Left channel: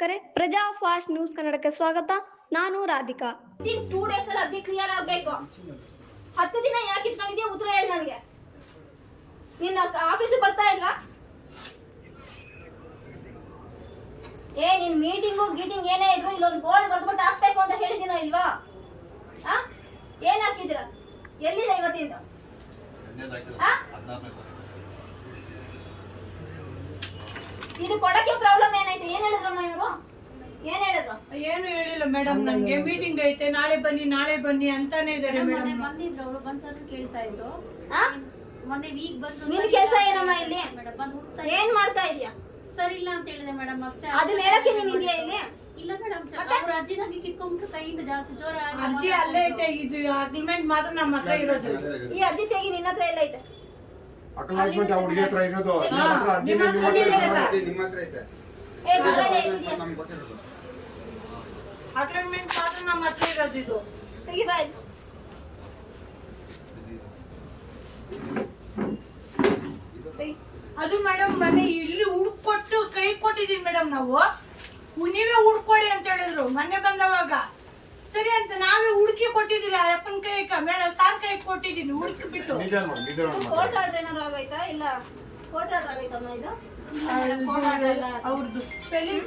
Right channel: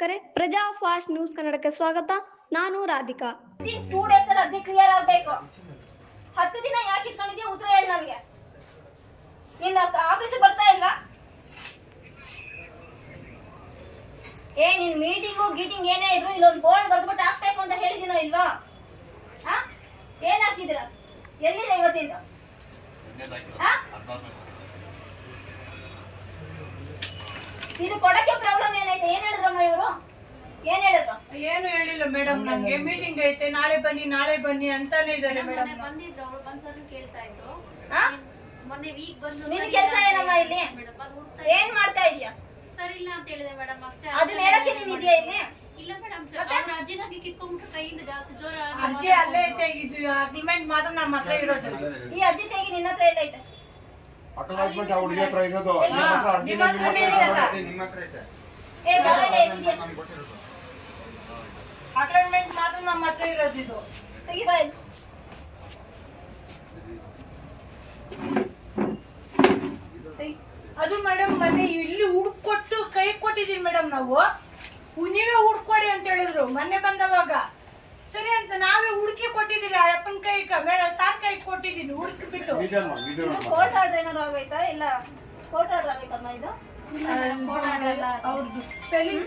ವೀಕ್ಷಕರೇ, ಪ್ರಜಾ fast news ಕನ್ನಡಕ್ಕೆ ಸ್ವಾಗತ. ನಾನು ರಾಧಿಕಾ. ಟೂ ಡೇಸ್ ಅಲ್ಲಿ ಅರ್ಜಿ ಕ್ಲಿಯರ್ ಆಗ್ಬೇಕು. ಹತ್ತು ದಿನ ಯಾಕೆ ಇಟ್ಕೊಂಡಿದ್ಯಾ ಉತ್ತರ ಹೇಳ ನನಗೆ. ನಿನ್ನ ಆಫೀಸಿಗೆ ಬರ್ತಾ ಇಲ್ವಾ? ಏ, ನಿನ್ ಮೀಟಿಂಗು ಗೀಟಿಂಗ್ ಏನೇ ಇದ್ರು ಇಲ್ಲೊಂದು ಬೋರ್ಡ್ ಬರ್ದ್ಬಿಟ್ಟು ಹಾಕ್ಬೇಕು ಅಂತ ಹೇಳಿದಿನೋ ಇಲ್ವಾ? ಏನ್ ಹಾಕಿದ್ರ ಎಲ್ಲಿದೆ ಇವತ್ತಿಂದ ಆ? ಇದು ಕೊಡಕ್ಕೆ ಪ್ರಾಬ್ಲಮ್ ಏನೈತೆ ಏನ್ ಹೇಳಿದ್ರಮ್ಮ ಇವರು? ಏನ್ ಹೇಳಿದ್ರು? ಏನು ಹೇಳಿಲ್ಲ ಮೇಡಮ್ ನನಗೆ ಮೀಟಿಂಗ್ ಐತೆ ನಾಳೆ ಬನ್ನಿ ನಾಳೆ ಬನ್ನಿ ಅಂತಾನೆ ಇದಾರೆ ಮೇಡಮ್. ಬಂದಿದ್ರು ಅವ್ರು ಒಂದ್ಸಲ ಕೇಳ್ತಾ ಇದ್ರು. ಆ? ಮೊನ್ನೆ ವೀಕ್ ಬಂದು ನಿನ್ ಕೆಲ್ಸ ಏನಮ್ಮ ಇಲ್ಲಿ? ಮೇಡಮ್ ಅದು ಏನ್ ಮಾಡ್ತಾ ಇದೀಯ ಸರಿ ಇಲ್ಲ ಅಂತ ಹೇಳಿದೆ ಮೇಡಮ್ ಅಷ್ಟೇ ಅದನ್ನ ಹೇಳಕ್ಕೆ ನೀನ್ ಇದೆಯಾ ಇಲ್ಲಿ? ಇಲ್ಲ ಮೇಡಮ್? ಅವ್ರ ಅಜ್ಜಿನಾಗಿ ಕಿತ್ಕೊಂಡ್ಬಿಟ್ಟು ಕೈಯಿಂದ ಜಾಸ್ತಿ ಜೋರ ಅರ್ಜಿ ಅಲ್ಲೇ ಐತೆ ಇದು ಅಗ್ರಿಮೆಂಟ್ ಮಾತ್ರ ನಮ್ಮ ಹತ್ರ ಇರೋದು ಈ ಅರ್ಜಿ ತೆಗಿ ನಿನ್ನ ಹತ್ರ ಎಲ್ಲ ಐತೆ. ಅಕಲಾಟ್ಮೆಂಟ್ ಅವ್ರಿಗೆ ಹತ್ರ ಇರೋದು. ನಿಮ್ಮ ಹತ್ರ ಐತೆ ಮಾತ್ರ ನಮ್ಮ ಹತ್ರ ಇರೋದು ಇದು. ತೆಗಿ ಬಾ. ಇಲ್ಲಿ. ತೆಗಿ. ಅದು ಮೇಡಮ್ ಮನೆ ಇಲ್ಲಿ ಹುಡ್ಕೊಟ್ಟು ಕೈ ಕೊಟ್ಟಿದೀನಿ ಮೇಡಮ್ ನಾವು. ನೀವೇ ಹುಡ್ಕೊಡಿ ಅಂತ ಹೇಳಿದ್ರು. ಮೊನ್ನೆ ಬಂದವಾಗ. ಸರಿ ಅಂತ ನಾವೇ ಹುಡುಕಿ ಕೊಟ್ಟಿದ್ದೀರಿ ಆ ಅಪ್ಪನ ಕೈ ಮೇಡಮ್ ಸಾರ್ ಕೈ ಕೊಟ್ಟಿದ್ದೀನಿ ಹುಡುಕಿ ಬಿಟ್ಟು. ಮಾಡಿ ಡೀಟೇಲ್ ಇದು ಮಾಡಿ. ಕೋರ್ಟ್ ಆರ್ಡರ್ ಏನಾದ್ರು ಆಗೈತಾ? ಇಲ್ಲ ಕೋರ್ಟ್ ಆರ್ಡರ್ ಆಗೈತಮ್ಮ ಇದು? ಅವ್ರದ್ದು ಸ್ಪೆಲ್ಲಿಂಗ್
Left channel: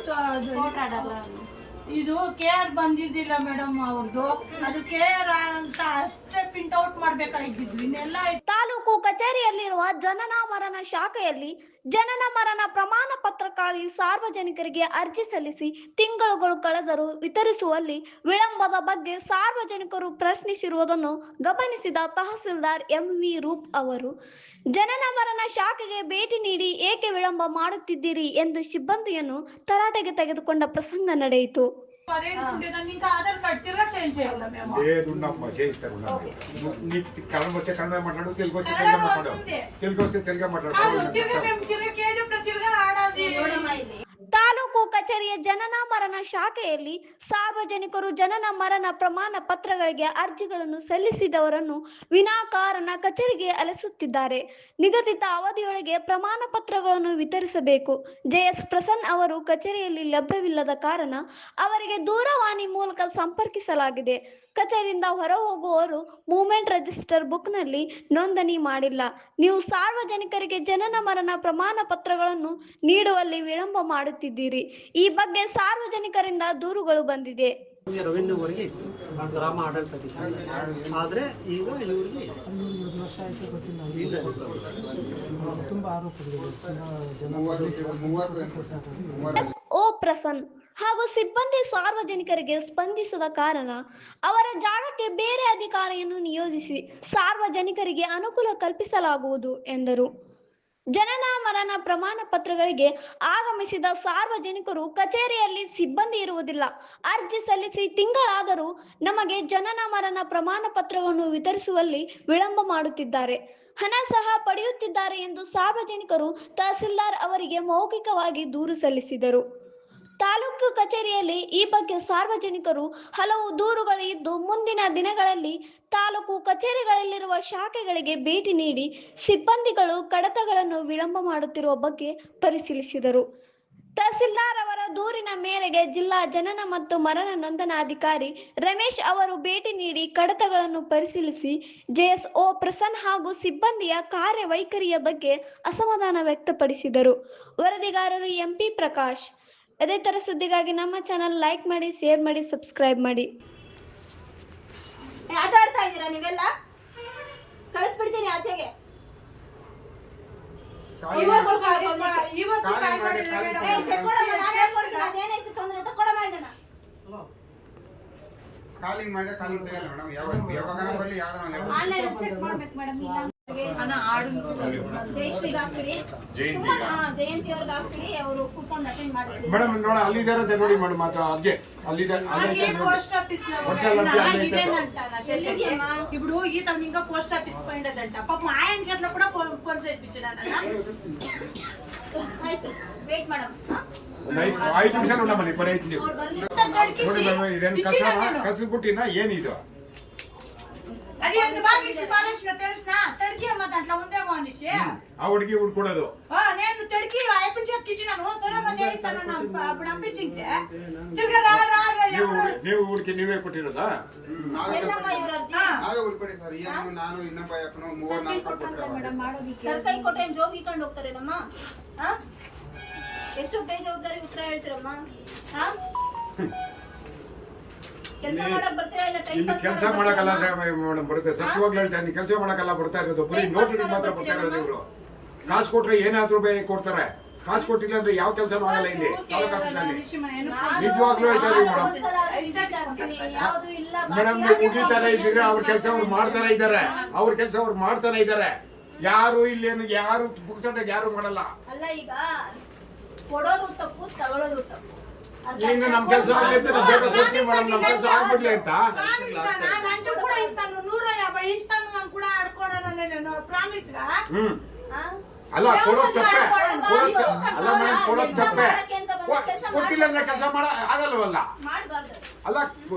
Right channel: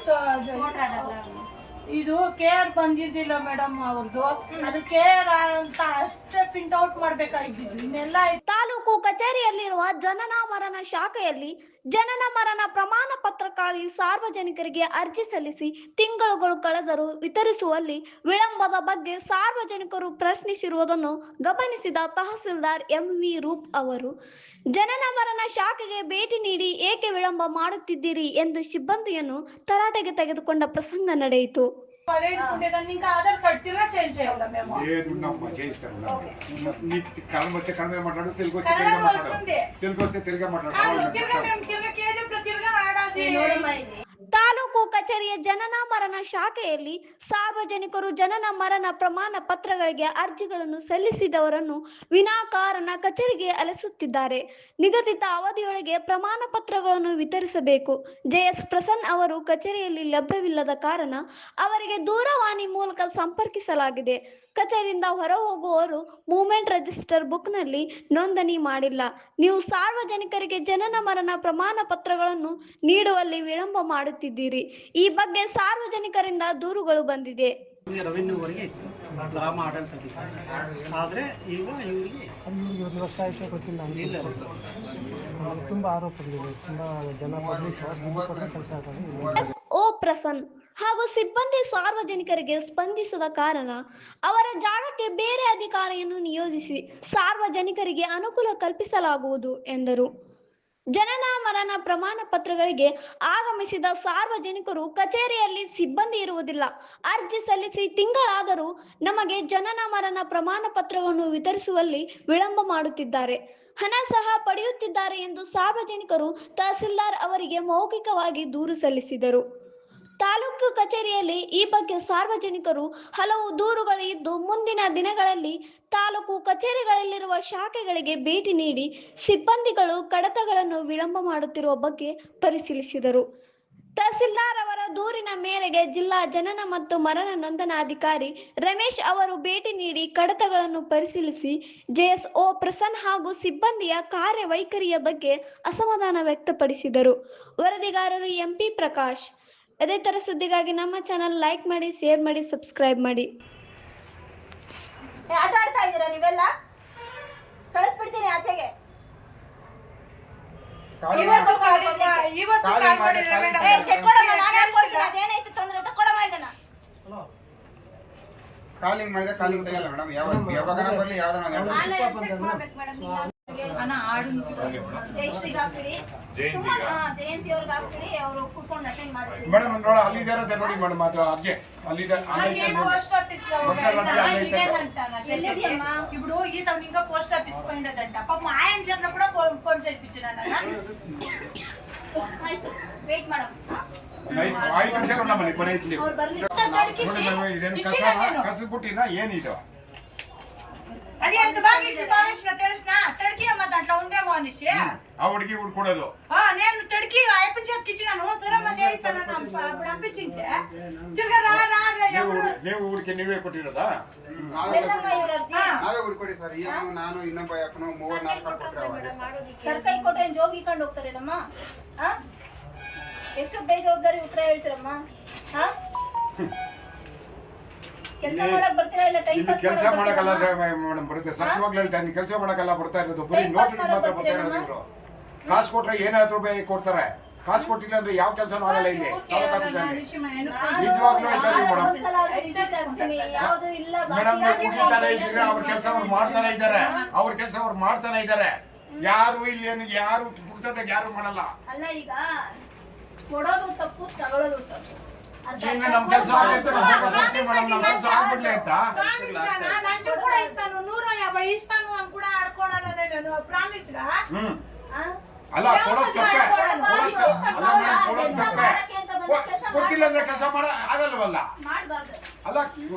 ಇದು ಕೆ ಆರ್ ಬಂದಿದ್ದಿಲ್ಲ ಮೇಡಮ್ ಅವ್ರದ್ದು. ಅದು ಕೆ ಆರ್ ಅಂತ ಅಷ್ಟೇ ಪ್ರಿಂಟ್ ಔಟ್ ಮಾಡ್ಬೇಕಾಗಿದ್ದು ಇನ್ನೆಲ್ಲ ಆಯ್ತು. ತಾಲೂಕು ಕಚೇರಿಯಲ್ಲಿರುವ ಜನನ ಮರಣ ಶಾಖೆಯಲ್ಲಿ ಜನನ ಮರಣ ಪ್ರಮಾಣ ಪತ್ರಕ್ಕಾಗಿ ಸಾರ್ವಜನಿಕರಿಗೆ ಅರ್ಜಿ ಸಲ್ಲಿಸಿ ತಿಂಗಳುಗಳು ಕಳೆದರೂ ವಿತರಿಸುವಲ್ಲಿ ವಿಳಂಬದ ಬಗ್ಗೆ ಸಾರ್ವಜನಿಕರು ಪ್ರಶ್ನಿಸಿರುವುದನ್ನು ಗಮನಿಸಿದ ತಹಸೀಲ್ದಾರ್ ಎಂವಿ ರೂಪ್ ಅವರು, ಜನನ ಮರಣ ಶಾಖೆಗೆ ಭೇಟಿ ನೀಡಿ ಏಕೆ ವಿಳಂಬ ಮಾಡುತ್ತಿದ್ದೀರಿ? ಎಂದು ಸಿಬ್ಬಂದಿಯನ್ನು ತರಾಟೆಗೆ ತೆಗೆದುಕೊಂಡ ಪ್ರಸಂಗ ನಡೆಯಿತು. కలం వస్తే కలమే మాట్లాడు? తెలుగు వస్తే తెలుగు మాట్లాడు? తెలుగు వస్తే తెలుగు మాట్లాడు? ಕಚೇರಿಯ ಜನನ ಮರಣ ಶಾಖೆಯಲ್ಲಿ ಸಾರ್ವಜನಿಕರು ಜನನ ಮರಣ ಪ್ರಮಾಣ ಪತ್ರಗಳಿಗೆ ಅರ್ಜಿಗಳನ್ನು ಸಲ್ಲಿಸಿದವರನ್ನು ವಿನಾಕಾರಣ ಕಚೇರಿಗೆ ಅಲೆಸುತ್ತಿದ್ದಾರೆ. ನಿಗದಿತ ಅವಧಿಯೊಳಗೆ ಪ್ರಮಾಣ ಪತ್ರಗಳನ್ನು ವಿತರಿಸಬೇಕು. ಜೆಎಸ್ ಪ್ರಸನ್ನ ಅವರು ಕಚೇರಿಯಲ್ಲಿ ಲಭ್ಯವಿಲ್ಲದ ಕಾರಣ ಅವರಿಗೆ ದೂರವಾಣಿ ಮೂಲಕ ಸಂಪರ್ಕಿಸಲಾಗಿದೆ. ಕಚೇರಿಯಿಂದ ಹೊರ ಹೋಗುವವರು ಮೂಮೆಂಟ್ ರಿಜಿಸ್ಟರ್ ಬುಕ್ನಲ್ಲಿ ನೋಂದಣಿ ಮಾಡಿಲ್ಲ. ನೀವು ಸಾರ್ವಜನಿಕರಿಗೆ ಜನನ ಮರಣ ಪ್ರಮಾಣ ಪತ್ರಗಳನ್ನು ನೀಡುವಲ್ಲಿ ವಿಳಂಬ ಮಾಡುತ್ತಿದ್ದೀರಿ. ಈ ಬಗ್ಗೆ ಸಾರ್ವಜನಿಕರಿಂದ ದೂರುಗಳು ಬಂದಿದೆ. ರೆವೆನ್ಯೂವರೆಗೆ ಇತ್ತು ಗ್ರಾಮ ಆಡಳಿತಾಧಿಕಾರಿ ಆದರೆ ಈಗ ಇವರಿಗೆ ಒಂದು ವರ್ಷ ಆಯಿತು ಗೊತ್ತಿಲ್ಲ. ಇಲ್ಲ. ತುಂಬ ಆರೋಪಗಳಿವೆ. ತುಂಬ ಜನ ಕೆಲಸ ಎಸ್. ಓ ಪ್ರಸನ್ ಹಾಗೂ ಸಿಬ್ಬಂದಿ ಸಾರ್ವಜನಿಕರಿಗೆ ಸ್ಪಂದಿಸದ ಕಾರಣ ಅವರ ಜಾಗಕ್ಕೆ ಬೇರೆ ಅಧಿಕಾರಿಯನ್ನು ನಿಯೋಜಿಸಿ ಸಾರ್ವಜನಿಕರಿಗೆ ಅನುಕೂಲ ಕಲ್ಪಿಸಲಾಗುವುದು ಎಂದರು. ಜನನ ಮರಣ ಪ್ರಮಾಣ ಪತ್ರಗಳಿಗೆ ಆಗಮಿಸಿದ ಸಾರ್ವಜನಿಕರು ಕಚೇರಿಯಲ್ಲಿ ಸಿಬ್ಬಂದಿ ಇರುವುದಿಲ್ಲ. ಅರ್ಜಿ ಸಲ್ಲಿಸಿ ತಿಂಗಳಾದರೂ ನಮಗೆ ಜನನ ಮರಣ ಪ್ರಮಾಣ ಪತ್ರವನ್ನು ವಿತರಿಸುವಲ್ಲಿ ವಿಳಂಬ ಮಾಡುತ್ತಿದ್ದಾರೆ. ಹಣ ಸಹ ಪಡೆಯುತ್ತಿದ್ದಾರೆ ಎಂದು ಸಾರ್ವಜನಿಕರು ತಹಸೀಲ್ದಾರ್ ಅವರಿಗೆ ಮೌಖಿಕವಾಗಿ ದೂರು ಸಲ್ಲಿಸಿದರು. ತಾಲೂಕು ಕಚೇರಿಯಲ್ಲಿ ಈ ಬಗ್ಗೆ ಸಾರ್ವಜನಿಕರು ಹಲವು ದೂರುಗಳು ಇದ್ದು ಮುಂದಿನ ದಿನಗಳಲ್ಲಿ ತಾಲೂಕು ಕಚೇರಿಗಳಲ್ಲಿರುವ ಶಾಖೆಗಳಿಗೆ ಭೇಟಿ ನೀಡಿ ಸಿಬ್ಬಂದಿಗಳು ಕಡತಗಳನ್ನು ವಿಳಂಬ ಮಾಡುತ್ತಿರುವ ಬಗ್ಗೆ ಪರಿಶೀಲಿಸಿದರು. ತಹಸೀಲ್ದಾರ್ ಅವರ ದೂರಿನ ಮೇರೆಗೆ ಜಿಲ್ಲಾ ಜನನ ಮತ್ತು ಮರಣ ನೋಂದಣಾಧಿಕಾರಿ ರಮೇಶ್ ಅವರು ಭೇಟಿ ನೀಡಿ ಕಡತಗಳನ್ನು ಪರಿಶೀಲಿಸಿ ಜೆಎಸ್ಒ ಪ್ರಸನ್ನ ಹಾಗೂ ಸಿಬ್ಬಂದಿಯ ಕಾರ್ಯವೈಖರಿಯ ಬಗ್ಗೆ ಅಸಮಾಧಾನ ವ್ಯಕ್ತಪಡಿಸಿದರು. ವರದಿಗಾರರು ಎಂಪಿ ಪ್ರಕಾಶ್ ಅದೇ ತರ ಸುದ್ದಿಗಾಗಿ ನಮ್ಮ ಚಾನಲ್ ಲೈಕ್ ಮಾಡಿ ಶೇರ್ ಮಾಡಿ ಸಬ್ಸ್ಕ್ರೈಬ್ ಮಾಡಿ. ಏ, ಆಟ ಆಡ್ತಾ ಇದ್ದೀರಾ ನೀವೆಲ್ಲ? ಕಳಿಸ್ಬಿಡ್ತೀನಿ ಆಚೆಗೆ. ಇವತ್ತು ಕಾಲ್- ಇವತ್ತು ಕಾಲ್ ಮಾಡಿದ್ರೆ ಮೇಡಮ್. ಏ ತೆಕ್ಕೊಡಮ್ಮ ನಾನು ಹೇಳ್ಕೊಡ್ತೀನಿ ಅದೇನೈತೆ ತೊಂದ್ರೆ ತಕೊಡಮ್ಮ ಇದನ್ನ. ಕಾಲಿಂಗ್ ಮಾಡಿದ್ರೆ ಕಾಲಿಂಗ್ ತೆಗಿಯಲ್ಲ ಮೇಡಮ್. ಯಾವ ಯಾವಾಗ ಬರಲಿ ಯಾವ್ದಾರ ಒಂದು ಆನ್ಲೈನ್ ಚೆಕ್ ಮಾಡ್ಬೇಕು ಮೇಡಮ್ ಇಲ್ಲ ಅಣ್ಣ ಆಡು ಜಯಶ್ರೀಗೆ ಹಾಕ್ಬಿಡಿ ತುಂಬಾ ಹಾ, ಜಯಂತಿ ಅವ್ರಿಗೆ ಹಾಕ್ಬಿಡಿ ಅವರು ಕೂತ್ಕೊಂಡು ಅಟೆಂಡ್ ಮಾಡಿಸಿ ಮೇಡಮ್ ನೋಡಿ ಅಲ್ಲಿದ್ದಾರೆ ಅಂತ ನೋಡಿ ಮೇಡಮ್ ಅದು ಅರ್ಜಿ ಅಲ್ಲಿದೆ ಹಾಗೆ ಅಲ್ಲೈತೆ ನೋಡಿ పోస్ట్ ఆఫీస్ లో ఒకే ఒకే అల్లైతే. ఇదేనంట నా చేసేది. ఎల్లుడియమ్మా? ఇప్పుడు ఈత ఇంకా పోస్ట్ ఆఫీస్ పోయిండదంట పాపం ఆయన చేతిలో కూడా ఫోన్ ఫోన్ చేయించినాను ಆಯ್ತು ವೇಟ್ ಮಾಡಮ್ ಒಂದು ಐದು ಐದು ನಿಮಿಷ ನೋಡಮ್ಮ ನೀವು ಪರಿ ಐದು ನೀವು ಅವ್ರು ಬರ್ಲಿ ನೋಡಿ ಮೇಡಮ್ ಇದೇನು ಕಸ ಕಸಬುಟ್ಟಿನ ಏನಿದು అది ఎంత బాగా ఇది పారేసిన తెలిసిన తడికి అమ్మ దాంట్లో ఉందేమో అని మనిషి ఆ ಹುಡುಗಿ ಹುಡ್ಕೊಡೋದು ఆ, నేను తడికి అయిపోయి చెక్కిచ్చినాను సరే మా చేయిస్తానని అప్ప- అప్పుడు పంపించింటే తిరగా రా రా రా ನೀವು ఎవరు ನೀವು ಹುಡುಕಿ ನೀವೇ ಕೊಟ್ಟಿರೋದಾ ಎಲ್ಲಮ್ಮ ಇವ್ರ ಅರ್ಜಿ ಹಾ. ನಾವೇ ಹುಡ್ಕೊಡಿ ಸರ್ ಏನು ನಾನು ಇನ್ನೊಬ್ಬ ಅಪ್ಪನು ಮೂವರ್ ನಾಲ್ಕು ಕೊಟ್ಟಿರೋ ಸರ್ ಕೈ ಕೊಟ್ರೆ ಏನ್ ಜೋಬ್ ಇಟ್ಕೊಂಡು ಹೋಗ್ತಾರೇನಮ್ಮ ಹಾ ಎಷ್ಟು ಬೇಜವಾಬ್ದಾರಿ ಉತ್ತರ ಹೇಳ್ತೀರಮ್ಮ ಹಾ ಕೆಲಸ ಇಲ್ಲಿ- ಮಾಡಕ್ ಬರ್ತೀರಾ ಇಲ್ಲ ಟೈಮ್ ಇಲ್ಲಿ ಪಾಸ್ ಕೆಲಸ ಮಾಡಕ್ ಮಾಡಕ್ಕಲ್ಲ ಬರ್ತೀರಮ್ಮ? ಮೇಡಮ್ ಬರುತ್ತೆ. ಸತ್ಯವಾಗ್ಲೂ ಹೇಳ್ತಾ ನೀವು ಕೆಲಸ ಮಾಡಕ್ಕಲ್ಲ ಬರ್ತಾ ಇರೋದು. ಬರೀ Time pass ಮಾಡಕ್ ಮಾತ್ರ ಬರ್ತಾ ಇರೋದು ಇವರು. ಕಾಸು ಕೊಟ್ರೆ ಏನಾದ್ರೂ ಬೇ ಕೊಡ್ತಾರೆ. ಕಾಸು ಕೊಟ್ಟಿಲ್ಲ ಅಂದ್ರೆ ಯಾವ ಕೆಲಸ ಆಗಲ್ಲ ಇಲ್ಲಿ. ನಿಜವಾಗ್ಲೂ ಇದ್ದಾರೆ ಮೇಡಮ್. ಯಾವ್ದು ಇಲ್ಲ. ಮೇಡಮ್ ನೀವು ಮುಗಿತಾನೆ ಇದ್ದೀರಾ? ಅವ್ರ ಕೆಲಸ ಅವ್ರು ಮಾಡ್ತಾನೆ ಇದ್ದಾರೆ. ಅವ್ರ ಕೆಲಸ ಅವ್ರು ಮಾಡ್ತಾನೆ ಇದ್ದಾರೆ. ಯಾರು ಇಲ್ಲೇನು ಯಾರು ಪುಕ್ಸಟ್ಟಾಗಿ ಯಾರು ಮಾಡಲ್ಲ. ಅಲ್ಲ ಈಗ ಕೊಡೋದು ತಪ್ಪು ತಗೊಳ್ಳೋದು ತಪ್ಪು. ಅರ್ಥ ಈಗ ಆಯ್ತಾ? ನಮ್ ಕೆಲಸ ಆಗೈತೆ ನಾವು ಬೇಗ ಕೊಡ್ತೀವಿ ಮೇಡಮ್ ನಮ್ ಕೆಲಸ ಆಗ್ಬಿಡ್ಲಿ ಅಂತ ప్రామిస్ గా నా లంచ్ కూడా ఇస్తాను నూరు యాభై ఇస్తాను అని కూడా ఆడుకోవడానికి నేను ప్రామిస్ గా ಹ್ಮ್ ಆ? ಅಲ್ಲ ಕೊಡೋದ್ ತಪ್ಪೆ ಕೊಡೋದ್ ಕೊಡೋದ್ ತಪ್ಪೆ. ತಪ್ಪೆ. ಅಲ್ಲ ಮೇಡಮ್ ಕೊಡೋದ್ ಕೆಲ್ಸ ತಪ್ಪೆ ಮಾಡಕ್ಕೆ ಅಂತ ಬಂದ ಕೊ- ಕೆಲ್ಸ ಕೊಟ್ಟಿಲ್ಲ ಅಂದ್ರೆ ಕೆಲಸ ಮಾಡ ಆಗಲ್ವಲ್ಲ ಮಾಡ್ಬಾರ್ದು ಅಲ್ಲ